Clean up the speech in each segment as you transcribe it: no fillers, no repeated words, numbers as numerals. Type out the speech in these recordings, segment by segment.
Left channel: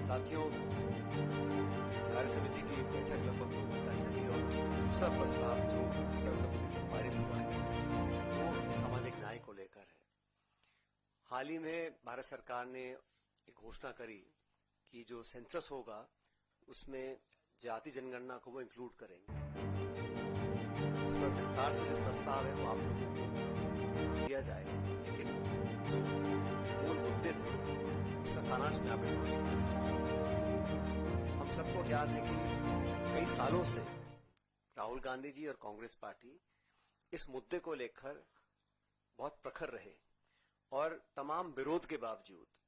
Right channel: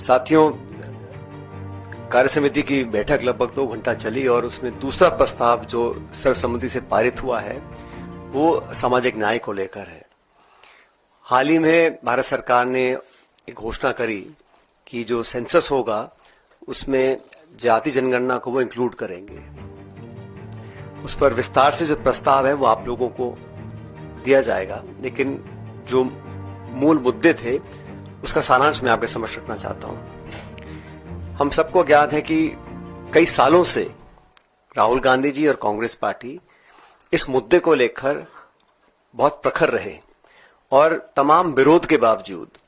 साथियों, कार्य समिति की बैठक लगभग 2 घंटा चली और उसमें दूसरा प्रस्ताव जो सर्वसम्मति से पारित हुआ है वो सामाजिक न्याय को लेकर है। हाल ही में भारत सरकार ने एक घोषणा करी कि जो सेंसस होगा उसमें जाति जनगणना को वो इंक्लूड करेंगे। उस पर विस्तार से जो प्रस्ताव है वो आप लोगों को दिया जाएगा, लेकिन जो मूल मुद्दे थे उसका सारांश मैं आपके समक्ष रखना चाहता हूं। हम सबको ज्ञात है कि कई सालों से राहुल गांधी जी और कांग्रेस पार्टी इस मुद्दे को लेकर बहुत प्रखर रहे और तमाम विरोध के बावजूद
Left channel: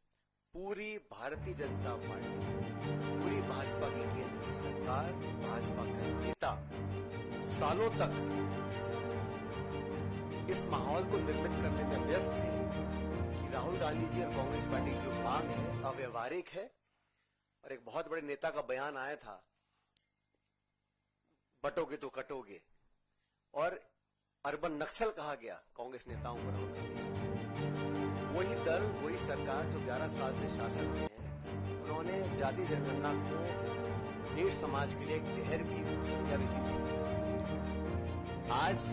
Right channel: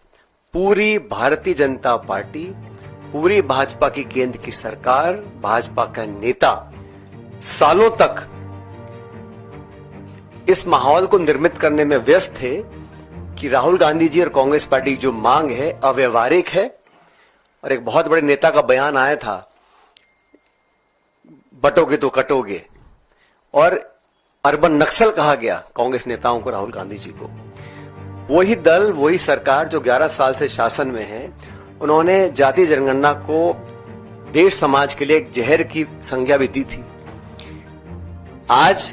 पूरी भारतीय जनता पार्टी, पूरी भाजपा की केंद्र की सरकार, भाजपा का नेता सालों तक इस माहौल को निर्मित करने में व्यस्त थे कि राहुल गांधी जी और कांग्रेस पार्टी की जो मांग है अव्यवहारिक है। और एक बहुत बड़े नेता का बयान आया था, बटोगे तो कटोगे, और अर्बन नक्सल कहा गया कांग्रेस नेताओं को, राहुल गांधी जी को। वही दल, वही सरकार जो 11 साल से शासन में है, उन्होंने जाति जनगणना को देश समाज के लिए एक जहर की संज्ञा भी दी थी। आज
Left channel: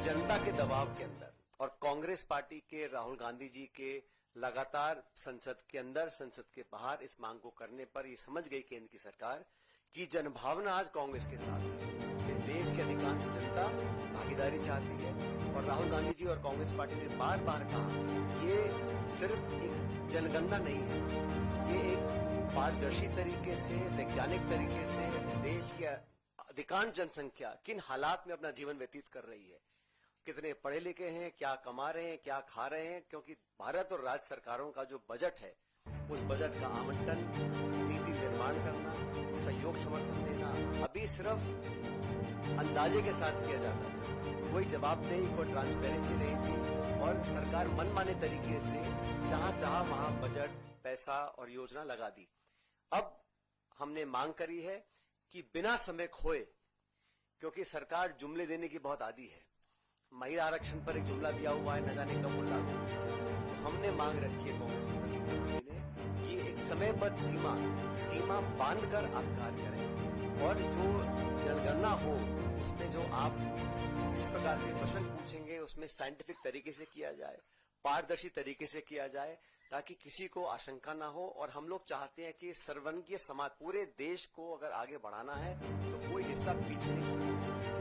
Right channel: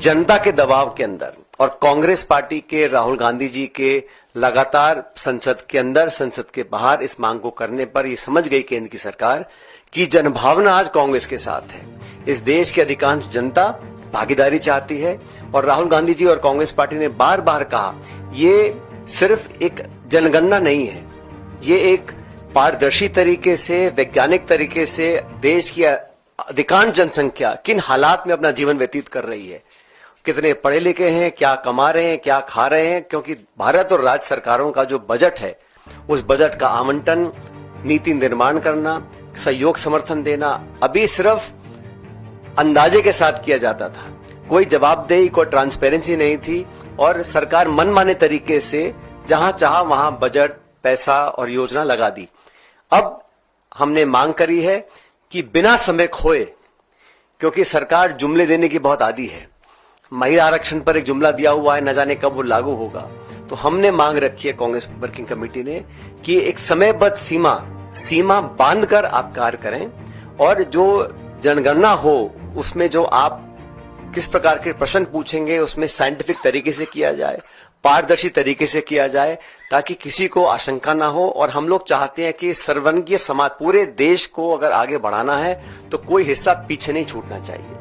जनता के दबाव के अंदर और कांग्रेस पार्टी के, राहुल गांधी जी के लगातार संसद के अंदर, संसद के बाहर इस मांग को करने पर यह समझ गई केंद्र की सरकार कि जनभावना आज कांग्रेस के साथ है। इस देश की अधिकांश जनता भागीदारी चाहती है और राहुल गांधी जी और कांग्रेस पार्टी ने बार बार कहा ये सिर्फ एक जनगणना नहीं है, ये एक पारदर्शी तरीके से, वैज्ञानिक तरीके से देश की अधिकांश जनसंख्या किन हालात में अपना जीवन व्यतीत कर रही है, कितने पढ़े लिखे हैं, क्या कमा रहे हैं, क्या खा रहे हैं। क्योंकि भारत और राज्य सरकारों का जो बजट है, उस बजट का आवंटन, नीति निर्माण करना, सहयोग समर्थन देना अभी सिर्फ अंदाजे के साथ किया जाता था। कोई जवाबदेही, कोई ट्रांसपेरेंसी नहीं थी और सरकार मनमाने तरीके से जहां चाहा वहां बजट, पैसा और योजना लगा दी। अब हमने मांग करी है कि बिना समय खोए, क्योंकि सरकार जुमले देने की बहुत आदी है, महिला आरक्षण पर एक जुमला दिया हुआ है, न जाने कब वो लागू होगा। तो हमने मांग रखी है कांग्रेस वर्किंग कमेटी ने कि एक समयबद्ध सीमा बांधकर आप कार्य करें और जो जनगणना हो उसमें जो आप किस प्रकार के प्रश्न पूछेंगे उसमें साइंटिफिक तरीके से किया जाए, पारदर्शी तरीके से किया जाए, ताकि किसी को आशंका ना हो। और हम लोग चाहते हैं कि सर्ववर्गीय समाज, पूरे देश को अगर आगे बढ़ाना है तो कोई हिस्सा पीछे नहीं छूटना चाहिए।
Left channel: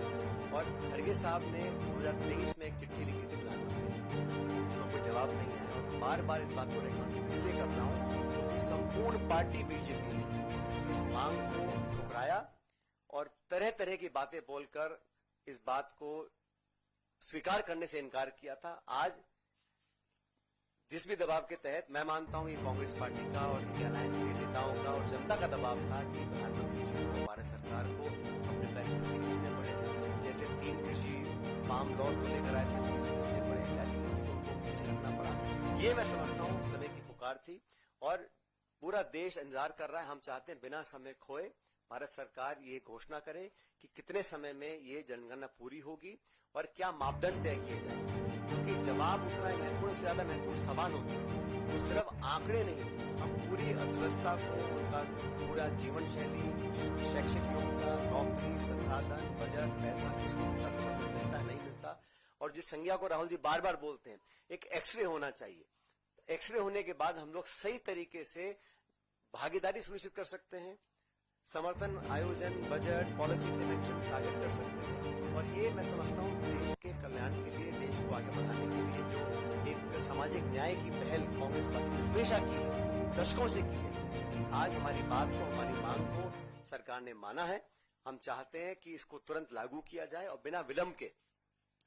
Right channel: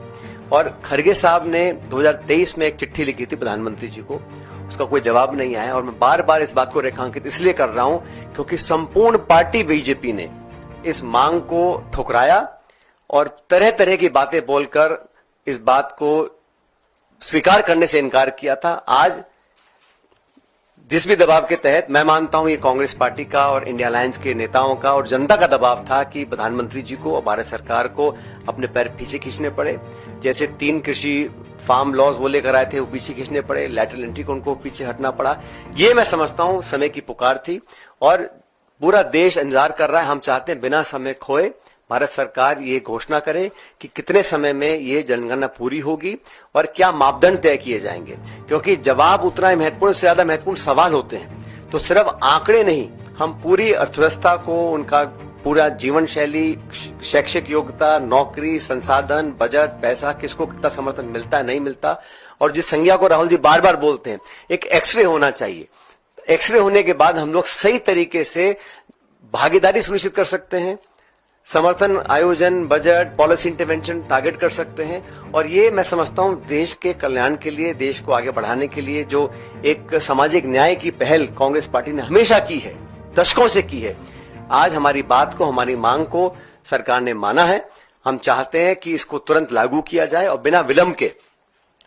और खरगे साहब ने 2023 में एक चिट्ठी लिखी थी प्रधानमंत्री जी को, उसका कोई जवाब नहीं आया। और मैं बार बार इस बात को रेखांकित इसलिए कर रहा हूं क्योंकि संपूर्ण पार्टी बीजेपी ने इस मांग को ठुकराया और तरह तरह की बातें बोलकर इस बात को स्वीकार करने से इनकार किया था। आज जिस भी दबाव के तहत, मैं मानता हूं ये कांग्रेस पार्टी का और इंडिया अलायंस के नेताओं का और जनता का दबाव था कि प्रधानमंत्री जी को और भारत सरकार को अपने पैर पीछे खींचने पड़े। जैसे 3 कृषि फार्म लॉज वो लेकर आए थे, वो पीछे खींचने पड़े, लैटरल एंट्री को उनको पीछे हटना पड़ा। ये मैं समझता हूं समय की पुकार थी और पूरा देश इंतजार कर रहा है। हम चाहते हैं बिना समय खोए भारत सरकार ये घोषणा करे कि कितने समय में ये जनगणना पूरी होगी और क्या मापदंड तय किए जाएंगे। क्योंकि जवाब उतना ही महत्वपूर्ण, से ज्यादा महत्वपूर्ण सवाल होते हैं। तो सिर्फ आंकड़े नहीं, हम पूरी अर्थव्यवस्था को, उनका पूरा जीवन शैली, शैक्षिक योग्यता, नौकरी, संसाधन, बजट, पैसा, किसको कितना समर्थन मिलता है, नहीं मिलता। और जिस संज्ञा को राहुल जी बार बार बोलते हैं, एक एक्सरे होना चाहिए। एक्सरे होने के बाद हम लोग सही तरीके से भागीदारी सुनिश्चित कर सकते हैं, समर्थन, आयोजन, बजट, पॉलिसी इंटरवेंशन टारगेट कर सकते हैं। और ये मैं समझता हूं देश के कल्याण के लिए, देश को आगे बढ़ाने के लिए जो एक सामाजिक न्याय की पहल कांग्रेस पार्टी ने हमेशा की है, दशकों से की है, आज हमारी बात को, हमारी मांग को सरकार ने माना है। हम चाहते हैं कि इसको तुरंत लागू किया जाए और बिना विलंब के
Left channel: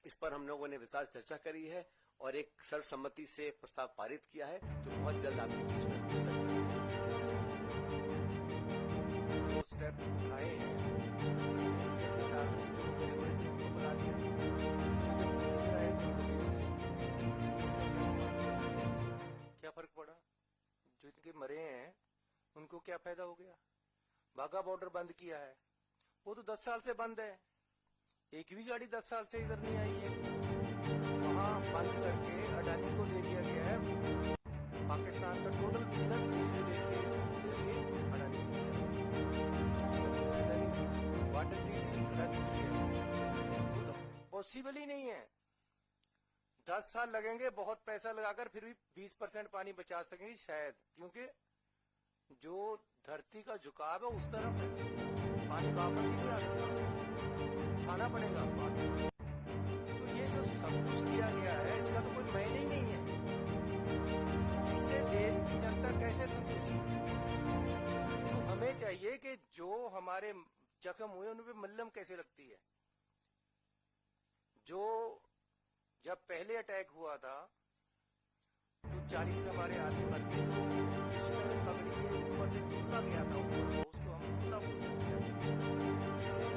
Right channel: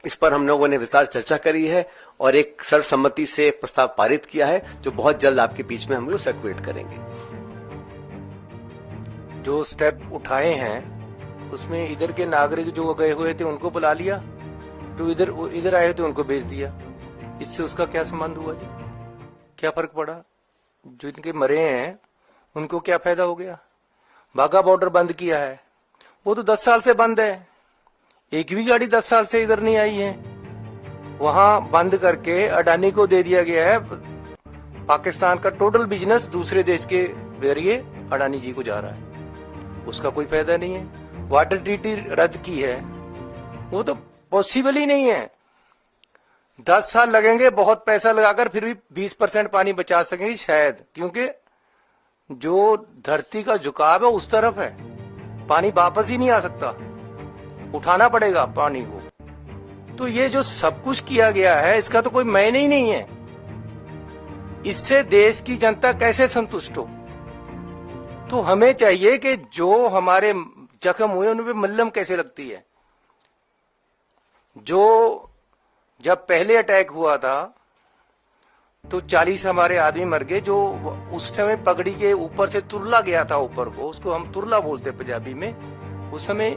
इस पर हम लोगों ने विस्तार चर्चा करी है और एक सर्वसम्मति से प्रस्ताव पारित किया है, जो बहुत जल्द आपके बीच में हम लोग सर्कुलेट करेंगे। जो स्टेप उठाए हैं उसमें इधर के नागरिक जो गए हुए थे उनको बुला लिया, जो इधर आए थे उनको भेज दिया। इससे उसका क्या संबंध हुआ जी? क्या फर्क पड़ा? जो इनके मरे हैं उनको क्या फायदा हो गया? बाघा बॉर्डर बंद किया है, वो तो 10 साल से बंद है, एक भी गाड़ी 10 साल से इधर नहीं आई है। वहां बंद करके अडानी को दे दिया गया है। पाकिस्तान का टोटल बिजनेस दूसरे देश के फिर ये अडानी जी को जा रहा है, उसका कोई फायदा नहीं है। वाटर ट्रीटी रद्द की है, वो तो पॉसिबल ही नहीं है। 10 साल लगेंगे बहुत पैसा लगाकर, फिर भी 20% पानी बचा सकेंगे शायद, क्योंकि जो धरती का झुकाव है उस तरफ है, पानी वापस ही नहीं आ सकता, उठाना पड़ेगा पानी को। तो ये जो सब कुछ किया गया है इसका तो कोई मायने ही नहीं है। इससे देश की जनता कैसे संतुष्ट हो? तो हमें चाहिए कि जो हमारे जख्म हुए उन पे मल्हम कैसे लगती है। जो जब पहले अटैक हुआ था तो 40 हमारे आदमी मर गए, जो उस समय पगड़ी के ऊपर से तुरला गया था ऊपर को, उसको हम तुरला बोलते हैं पंजाबी में। उस समय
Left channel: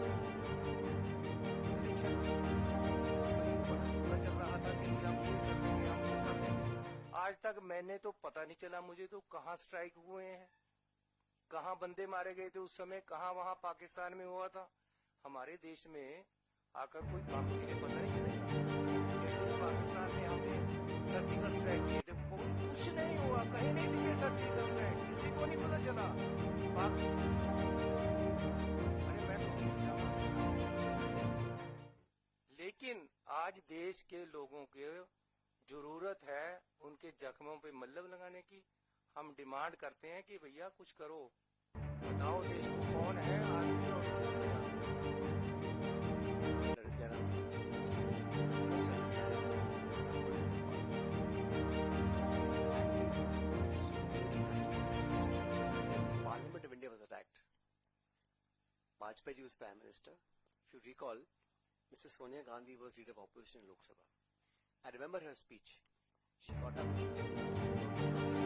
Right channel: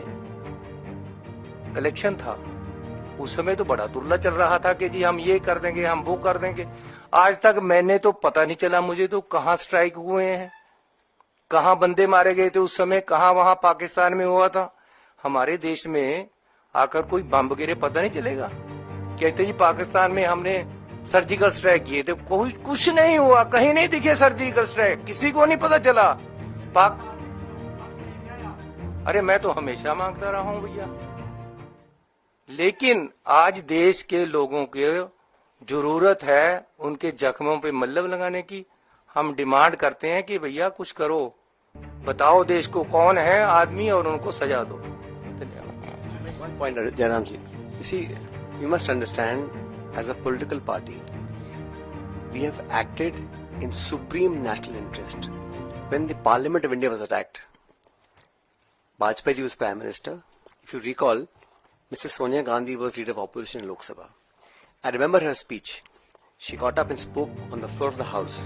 इलेक्शन था, उस समय तो बड़ा तुरला चल रहा था कि जी हम ये कर देंगे, हम वो कर देंगे। आज तक मैंने तो पता नहीं चला मुझे तो कहाँ स्ट्राइक हुए हैं, कहाँ बंदे मारे गए थे उस समय, कहाँ वहां पाकिस्तान में हुआ था। हमारे देश में आकर कोई बम गिरे पता नहीं चलेगा। कहते जी पाकिस्तान में हमने सर्जिकल स्ट्राइक किए थे, कोई कुछ नहीं हुआ, कहीं नहीं दिखे सर्जिकल स्ट्राइक, किसी को नहीं पता चला। अरे मैं तो हमेशा मांगता रहा हूं भैया, लेकिन आज देश के लोगों के जरूरत है उनके जख्मों पे मल्हम लगाने की। हम डिमांड करते हैं कि भैया कुछ करो, बताओ देश को कौन है आदमी और उनको सजा दो। One point, Jairam ji. You see, you must understand, as a political party, we have acted in supreme national interest. When the Parliament of India was attacked, Vajpayee ji was Prime Minister. If you recall, Mrs. Sonia Gandhi was leader of opposition in Lok Sabha. I remember her speech. She got up and spoke on the floor of the House.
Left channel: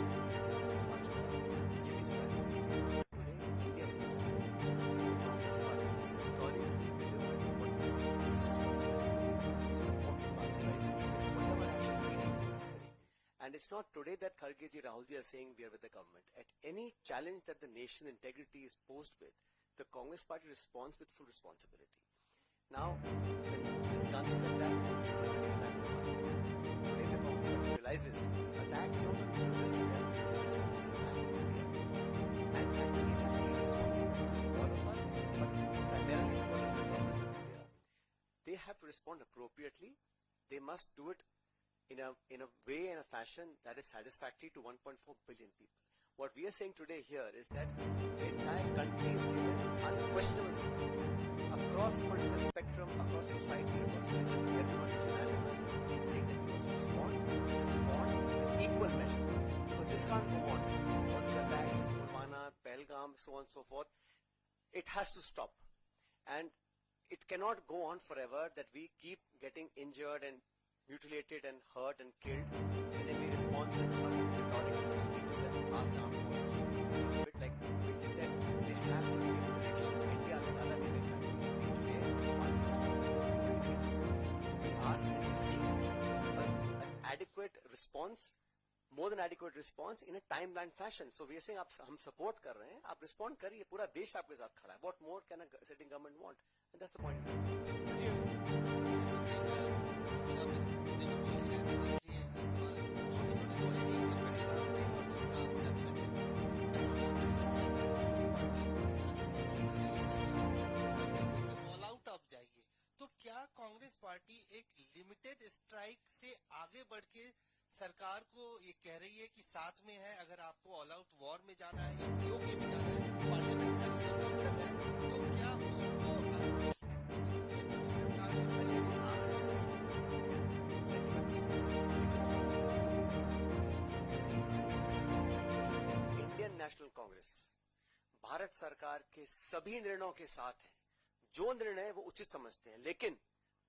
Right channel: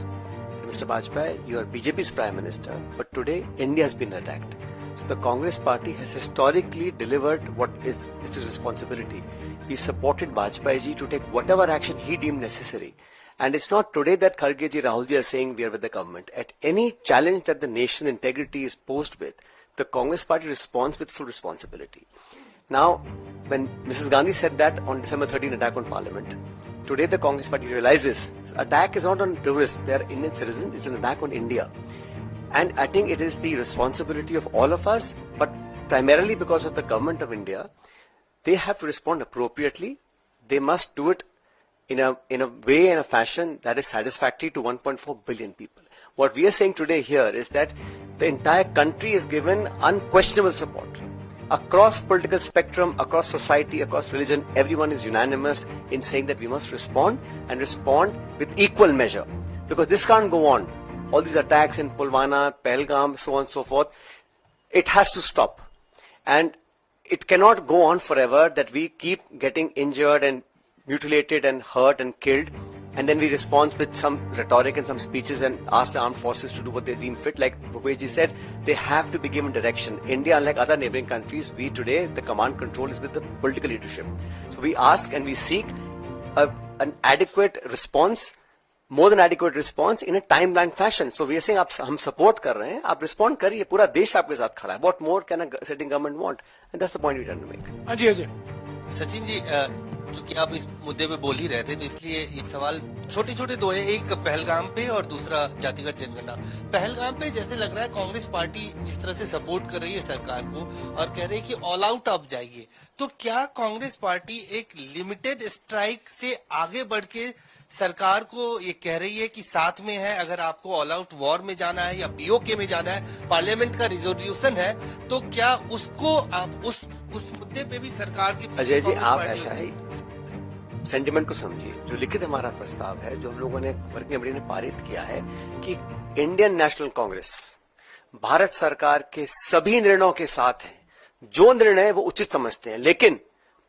Mr. Vajpayee, you are BJP's Prime Minister, but today India has been attacked. So the Congress party has historically delivered what is its responsibility. We supported Vajpayee ji to take whatever action he deemed necessary. And it's not today that Kharge ji, Rahul ji are saying we are with the government. At any challenge that the nation's integrity is posed with, the Congress party responds with full responsibility. Now, when Mrs. Gandhi said that on December 13 attack on Parliament, today the Congress party realizes this attack is not on tourists, they are Indian citizens, it's an attack on India. And I think it is the responsibility of all of us, but primarily because of the government of India, they have to respond appropriately. They must do it in a way, in a fashion that is satisfactory to 1.4 billion people. What we are saying today here is that the entire country is given unquestionable support. Across political spectrum, across society, across religion, everyone is unanimous in saying that we must respond and respond with equal measure. Because this can't go on. All these attacks in Pulwama, Pahalgam, so on and so forth, it has to stop. And it cannot go on forever that we keep getting injured and mutilated and hurt and killed, and then we respond with some rhetoric and some speeches and ask the armed forces to do what they deem fit. Like Bhupesh said, they have to be given direction. India, unlike other neighboring countries, we today, the command control is with the political leadership. So we ask and we seek an adequate response, more than adequate response in a timeline fashion. So we are saying, हम support कर रहे हैं, आप respond करिए, पूरा देश आपके साथ खड़ा है. What more can a sitting government want? And that's the point we trying to make. Ajay Ajay Sachin ji, चूंकि आप इस मुद्दे पे बोल ही रहे थे तो इसलिए एक सवाल छोटे छोटे दो है, एक पहलगाम पे और दूसरा जातिगत जनगणना। पहलगाम पे जैसे लग रहा है कांग्रेस पार्टी जिस तरह से सपोर्ट कर रही है सरकार को और कह रही है कि ऑल आउट आप जाइए, तो क्या कांग्रेस पार्टी एक लिमिटेड स्ट्राइक से आगे बढ़ के सरकार को ये कह रही है कि साथ में है, अगर आपको ऑल आउट वॉर में जाना है या पीओके में जाना है, पार्लियामेंट का रिजोल्यूशन है, तो क्या उसको आप उस मुद्दे पे भी सरकार की अजय जी, आप ऐसा है सेंटिमेंट को समझिए। जो लिखित हमारा प्रस्ताव है, जो हम लोगों ने वर्किंग कमेटी ने पारित किया है कि इंडियन नेशनल कांग्रेस भारत सरकार के सभी निर्णयों के साथ है, जो निर्णय वो उचित समझते हैं, लेकिन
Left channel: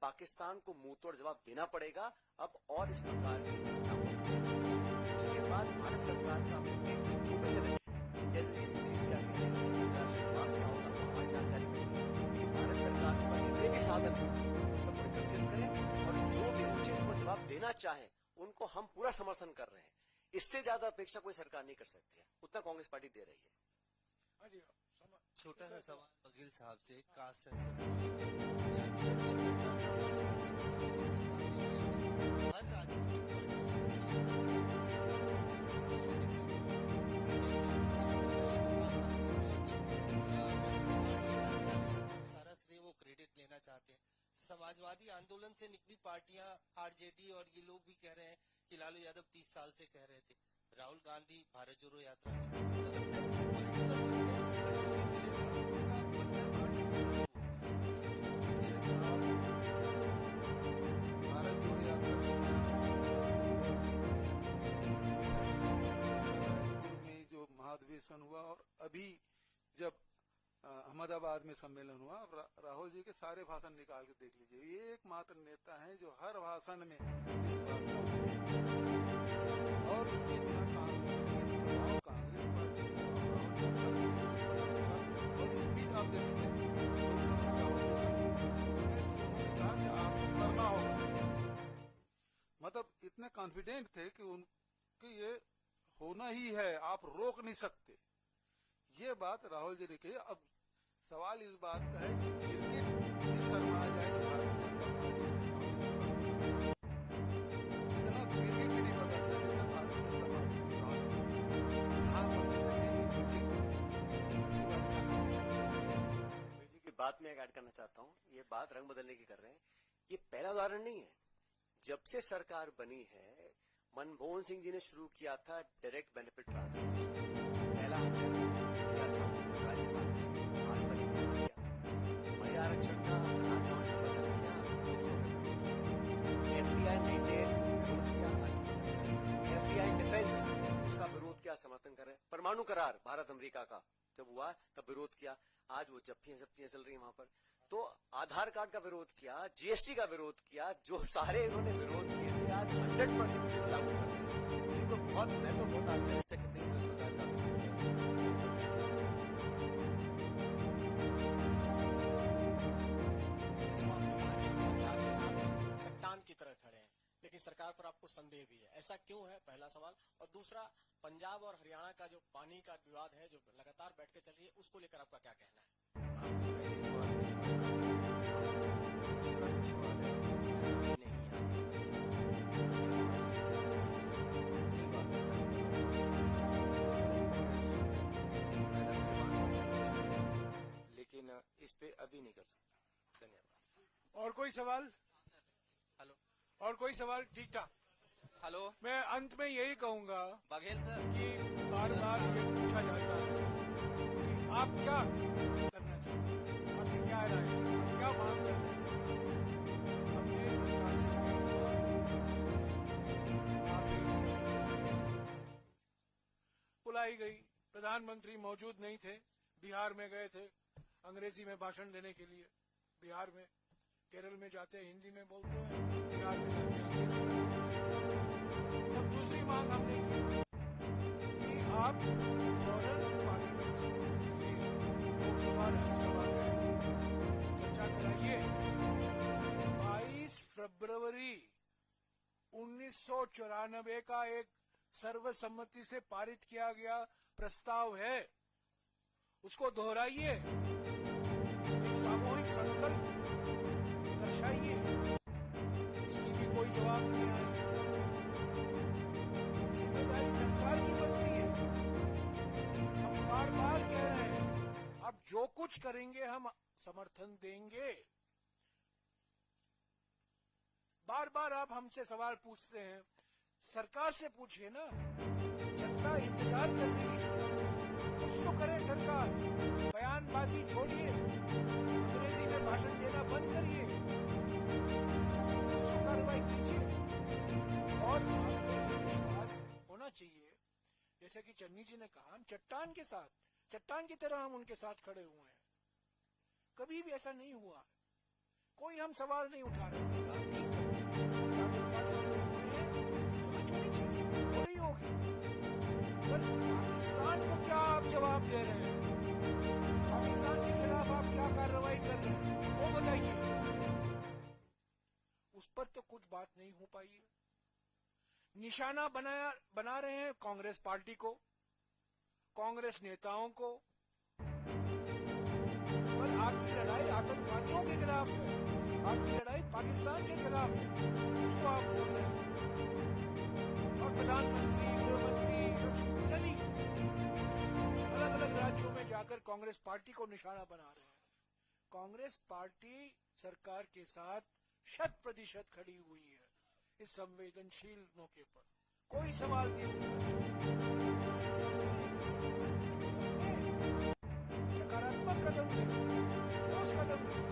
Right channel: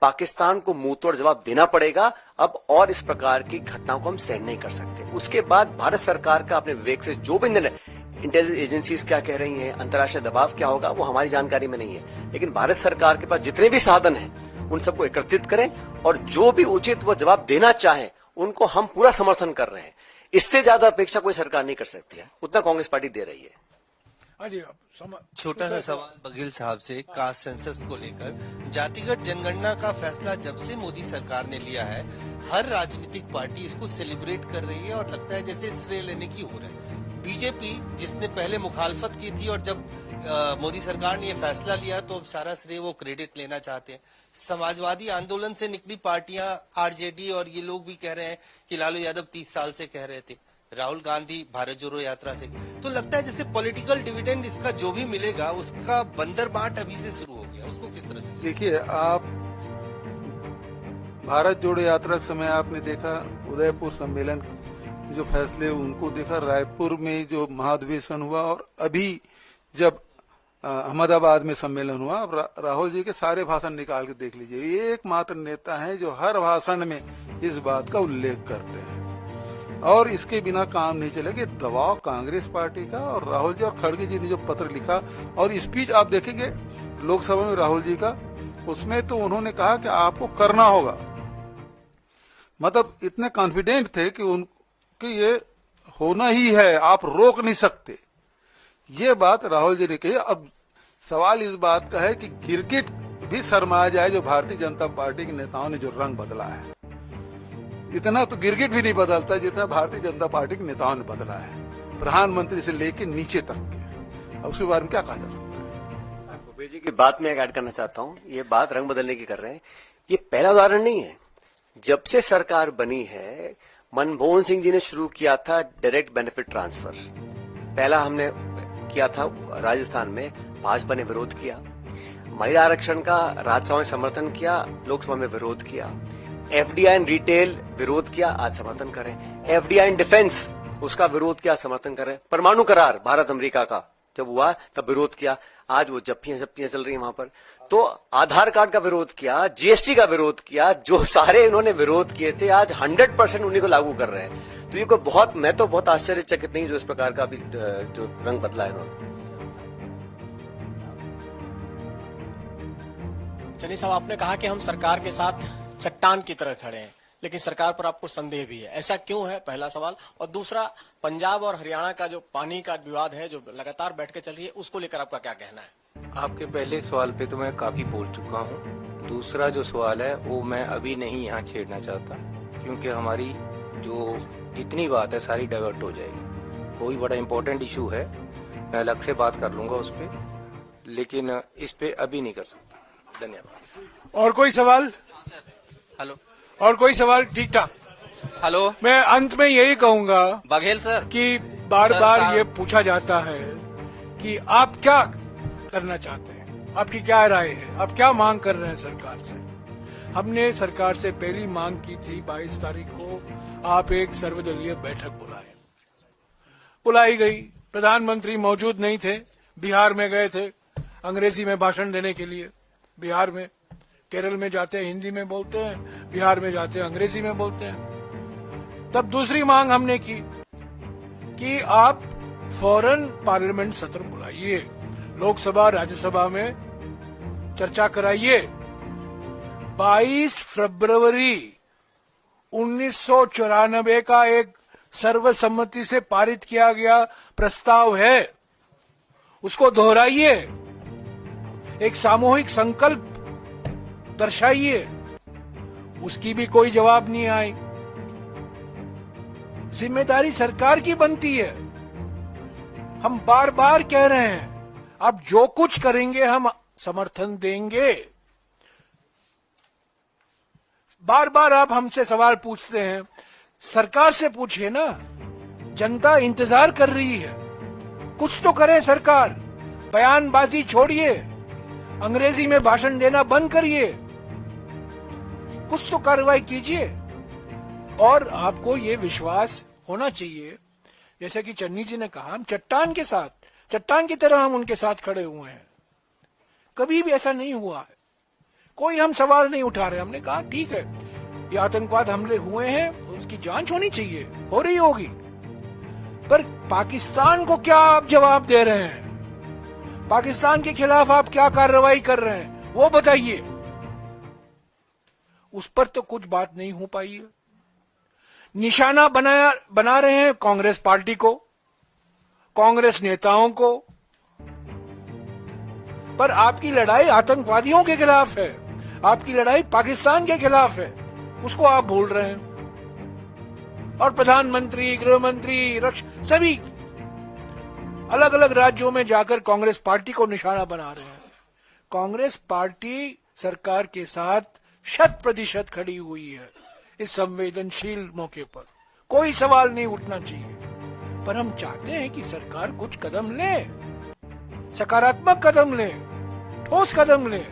पाकिस्तान को मुंह तोड़ जवाब देना पड़ेगा अब, और इस प्रकार की घटनाओं को हम सहन नहीं कर सकते। उसके बाद भारत सरकार का अपने विवेक से जो भी निर्णय, इंटेलिजेंस एजेंसीज क्या कह रही हैं, अंतर्राष्ट्रीय दबाव क्या होगा, वो हमारी जानकारी में नहीं है, लेकिन भारत सरकार के पास जितने भी साधन हैं उन सबको एकत्रित करें और जो भी उचित वो जवाब देना चाहे उनको हम पूरा समर्थन कर रहे हैं। इससे ज्यादा अपेक्षा कोई सरकार नहीं कर सकती है, उतना कांग्रेस पार्टी दे रही है। छोटा सा सवाल बघेल साहब से कास्ट सेंसस को लेकर, जातिगत जनगणना का फैसला जब से मोदी सरकार ने लिया है, हर राजनीतिक पार्टी इसको सेलिब्रेट कर रही है और लगता है जैसे श्रेय लेने की हो रहा है। बीजेपी जिसने पहले मुखालफत की थी और जब मोदी सरकार ने ये फैसला लिया तो अब सारा श्रेय वो क्रेडिट लेना चाहते हैं। समाजवादी आंदोलन से निकली पार्टियां, आरजेडी और ये लोग भी कह रहे हैं कि लालू यादव 30 साल से कह रहे थे, राहुल गांधी भारत जोड़ो यात्रा से। तो लगता है जैसे पॉलिटिकल डिविडेंड इसका जो भी मिलेगा उसका बंदर बाट अभी से शुरू हो गया, उसको किस तरह से? देखिए, आप भारत जोड़ो यात्रा के समय आपने देखा उदयपुर सम्मेलन जो फैसले उनको देखा, रायपुर में जो महाधिवेशन हुआ, और अभी जब अहमदाबाद में सम्मेलन हुआ। अब राहुल जी के सारे भाषण निकाल के देख लीजिए, एकमात्र नेता हैं जो हर भाषण में इस बात का उल्लेख करते हैं, और इसके बिना काम नहीं चलेगा। दबाव कांग्रेस पार्टी का और राहुल जी और खड़गे जी ने जो पत्र लिखा और स्पीच आप देखेंगे लोकसभा में राहुल जी का, उसमें तो उन्होंने कहा कि आपको करना होगा, मतलब इतने कॉन्फिडेंट थे कि ये होना ही है, आप रोक नहीं सकते। ये बात राहुल जी ने कही। अब सवाल इस बात का है कि गिरगिट भी शर्मा जाए जो भारतीय जनता पार्टी के नेताओं ने जो रंग बदला है, इतना तो गिरगिट भी नहीं बदलता जितना भारतीय जनता पार्टी के नेताओं ने बदला है, प्रधानमंत्री से लेकर नीचे तक के। अब उसके बारे में क्या कहा जा सकता है? भूपेश जी की बात में ऐड करना चाहता हूं, ये बात रंग बदलने की कर रहे हैं, ये पहला उदाहरण नहीं है। जब से सरकार बनी है, मनमोहन सिंह जी ने शुरू किया था डायरेक्ट बेनिफिट ट्रांसफर, पहला हमने किया था राजस्थान में, भाजपा ने विरोध किया। महिला आरक्षण का राज्यसभा में समर्थन किया, लोकसभा में विरोध किया। एफडीआई इन रिटेल विरोध किया, आज समर्थन करें। एफडीआई इन डिफेंस, उसका विरोध किया, समर्थन करें। परमाणु करार भारत अमेरिका का जब हुआ तब विरोध किया, आज वो जप्पियां चल रही है वहां पर। तो आधार कार्ड का विरोध किया, जीएसटी का विरोध किया, जो सारे इन्होंने विरोध किए थे आज 100% उन्हीं को लागू कर रहे हैं। तो ये कोई मैं तो बहुत आश्चर्यचकित नहीं जो इस प्रकार का भी जो रंग बदला है इन्होंने। चलिए साहब, आपने कहा कि हम सरकार के साथ चट्टान की तरह खड़े हैं, लेकिन सरकार पर आपको संदेह भी है, ऐसा क्यों है? पहला सवाल। और दूसरा, पंजाब और हरियाणा का जो पानी का विवाद है जो लगातार बैठ के चल रही है, उसको लेकर आपका क्या कहना है? आपके पहले सवाल पे तो मैं काफी बोल चुका हूँ। दूसरा जो सवाल है वो मैं अभी नहीं यहाँ छेड़ना चाहता, क्योंकि हमारी जो जितनी बात है सारी डाइवर्ट हो जाएगी। कोई बड़ा इंपॉर्टेंट इशू है, मैं अलग से बात कर लूंगा उस पर, लेकिन इस पे अभी नहीं कर सकता। धन्यवाद। और कोई सवाल? हेलो। और कोई सवाल? ठीक ठाक। हेलो। मैं अंत में यही कहूंगा बघेल सर कि बार सर, बार सर। ये पूछा जाता है कि आप क्या करना चाहते हैं, आपकी क्या राय है, आप क्या मांग कर रहे हैं सरकार से। हमने सरकार से पहली मांग की थी 22 तारीख को, आप एक सर्वदलीय बैठक बुलाई गई। प्रधानमंत्री मौजूद नहीं थे, बिहार में गए थे अंग्रेजी में भाषण देने के लिए। बिहार में, केरल में जाते हैं हिंदी में बोलते हैं, बिहार में जाते हैं अंग्रेजी में बोलते हैं। तब दूसरी मांग हमने की कि आप फौरन पार्लियामेंट सत्र बुलाइए, लोकसभा राज्यसभा में चर्चा कराइए। 22 फरवरी 1994 का एक सर्वसम्मति से पारित किया गया प्रस्ताव है, उसको दोहराइए, एक सामूहिक संकल्प दर्शाइए। उसकी भी कोई जवाब नहीं आई। जिम्मेदारी सरकार की बनती है। हम बार बार कह रहे हैं, आप जो कुछ करेंगे हम समर्थन देंगे। बार बार आप हमसे सवाल पूछते हैं, सरकार से पूछिए ना, जनता इंतजार कर रही है, कुछ तो करे सरकार। बयानबाजी छोड़िए, अंग्रेजी में भाषण देना बंद करिए, कुछ तो कार्रवाई कीजिए। और आपको ये विश्वास होना चाहिए, जैसे कि चन्नी जी ने कहा, हम चट्टान के साथ, चट्टान की तरह हम उनके साथ खड़े हुए हैं। कभी भी ऐसा नहीं हुआ है, कोई हम सवाल नहीं उठा रहे। हमने कहा ठीक है, ये आतंकवाद हमले हुए हैं, उसकी जांच होनी चाहिए, हो रही होगी, पर पाकिस्तान को क्या आप जवाब दे रहे हैं? पाकिस्तान के खिलाफ आप क्या कार्रवाई कर रहे हैं, वो बताइए। उस पर तो कुछ बात नहीं हो पाई है। निशाना बना रहे हैं कांग्रेस पार्टी को, कांग्रेस नेताओं को, पर आपकी लड़ाई आतंकवादियों के खिलाफ है, आपकी लड़ाई पाकिस्तान के खिलाफ है, उसको आप भूल रहे हैं। और प्रधानमंत्री, गृह मंत्री, सभी अलग अलग राज्यों में जाकर कांग्रेस पार्टी को निशाना बना रहे हैं। कांग्रेस पार्टी सरकार के साथ 100% खड़ी हुई है इस संवेदनशील मौके पर। कोई सवाल नहीं उठना चाहिए, पर हम चाहते हैं कि सरकार कुछ कदम ले, सकारात्मक कदम ले, ठोस कदम ले।